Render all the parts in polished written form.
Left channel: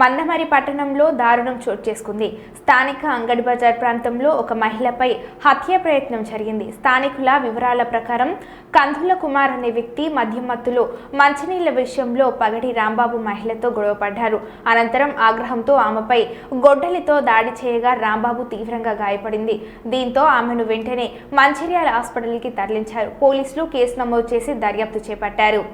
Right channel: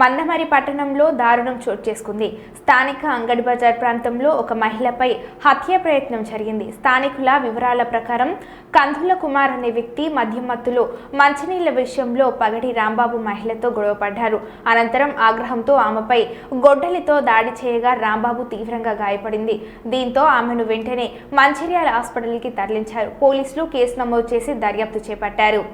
మందమరి పట్టణంలో దారుణం చోటు చేసుకుంది. స్థానిక అంగడి బజార్ ప్రాంతంలో ఒక మహిళపై హత్య ప్రయత్నం జరిగింది. స్థానికుల వివరాల ప్రకారం కందుల కుమార్ అనే వ్యక్తి మద్యం మత్తులో మంచినీళ్ల విషయంలో పగడి రాంబాబు మహిళతో గొడవపడ్డారు. అనంతరం ఆగ్రహంతో ఆమెపై గొడ్డలితో దాడి చేయగా రాంబాబు తీవ్రంగా గాయపడింది. దీంతో ఆమెను వెంటనే మంచిర్యాల హాస్పిటల్కి తరలించారు. పోలీసులు కేసు నమోదు చేసి దర్యాప్తు చేపట్టారు.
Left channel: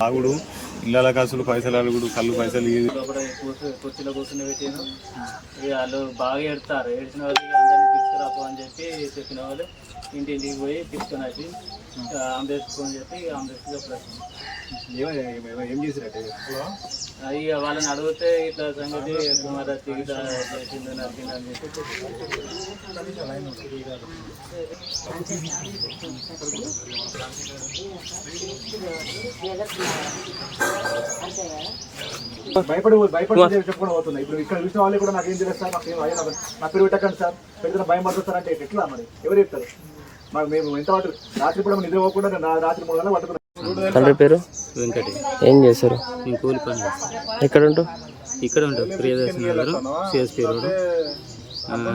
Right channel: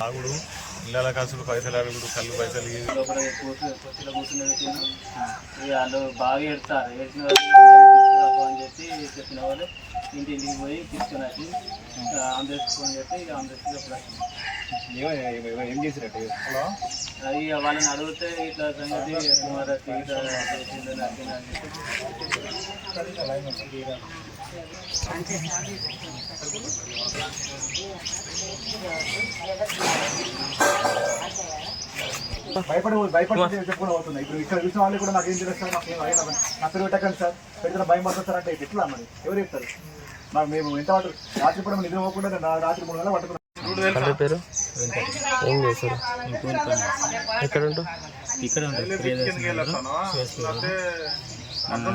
తాగుడు, ఇళ్ళ కాసులు, పైసలు అడుగుడు, కళ్ళు పైసలు కుర్చీలో కూర్చుని పెట్టాను. వాళ్ళు బాగా ఏడుతారు. ఏడ్చిన వాళ్ళు అందరినీ తీసుకురాపో అని చెప్పి చెప్పిన వాళ్ళు ఇంటింటికి పోయి తీసుకుని వచ్చి అంబులెన్స్ ఫోన్ చెప్పి అంబులెన్స్ ఏం చేసినట్టు ఇక వాళ్ళని అడిగితే ఇట్లా సంగతి కుమారత్తి ఇట్లా చేసింది నరికింది అని చెప్పి భయపడి చెప్పుకుని పోతుంది. ఇప్పుడు ఇక్కడ చూసిన వాళ్ళు కూడా నాకేం తెలుస్తారు, నా పేరు పెట్టకండి సార్, పెడితే భయం పడుతుంది అంటే ఎట్లా మరి ఎవరు చెప్తారు? మరి మేము ఎంత రాత్రి కూడా నిద్ర పోకుండా రాత్రి 3 గంటలు పట్టుకున్నాం. తండ్రి పేరు వెంకట. ఏం చేస్తారు? నేను కూలి పని. ఎక్కడ ఉంటావు? ఇక్కడ ఉంటారు ప్రియదర్శన్ గారు సిఎస్పీ రోడ్.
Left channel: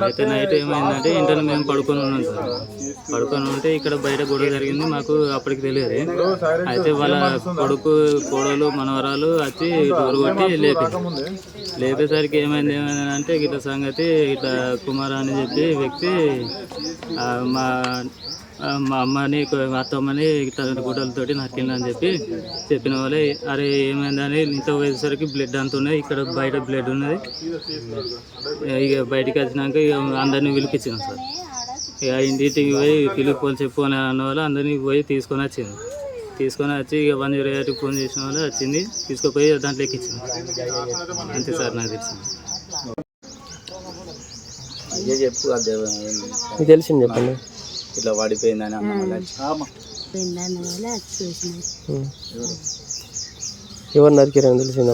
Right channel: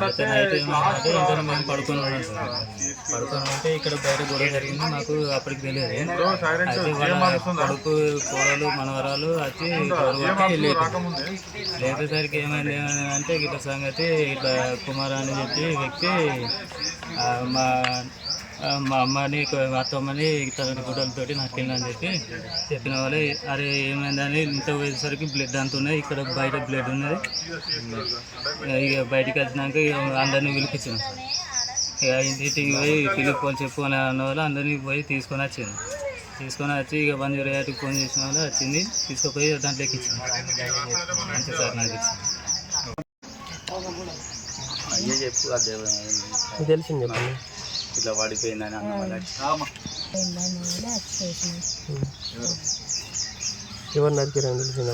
అయితే నైట్ ఏమైందంటే ఇంటర్ మేము పడుకొని ఉన్నాం సార్. పడుకొని ఉంటే ఇక్కడ బయట గొడవ జరిగింది. మాకు అప్పటికి తెలియదు. అయితే వాళ్ళ కొడుకు, కోడలు, మనవరాలు వచ్చి డోర్ కొట్టి లేపేసరికి ఏమైంది అంటే ఇట్లా సంగతి ఇట్లా కుమార్ అని చెప్పి వ్యక్తి మా అమ్మని, అత్తమ్మని తన గుడ్డలతోటి నరికిందని చెప్పి చెప్పిన వాళ్ళే. అరే ఏమైందని ఇంత పోయేసరికి బ్లడ్ అంత ఉన్నాయి, ఇక్కడ బయట బ్లడ్ ఉన్నది. ఇక బయటికి వచ్చినాక అందరినీ పిలిపించాం సార్. ఇక ఇంటికి పోయి పిలిపోలు చెప్పుకొని అన్న వాళ్ళు అందరినీ పోయి తీసుకొని వచ్చింది. తీసుకొని వచ్చి ఇక 108కి ఫోన్ చేసిన వాళ్ళు వచ్చింది, తీసుకుపోయి దాంట్లో ఎక్కించింది. అంతే సార్ నాకు తెలిసింది. తెలిసింది చెప్పండి. ఇట్లా పడిపోయిందని ఎవరు నరికిరని తెలిసిందా?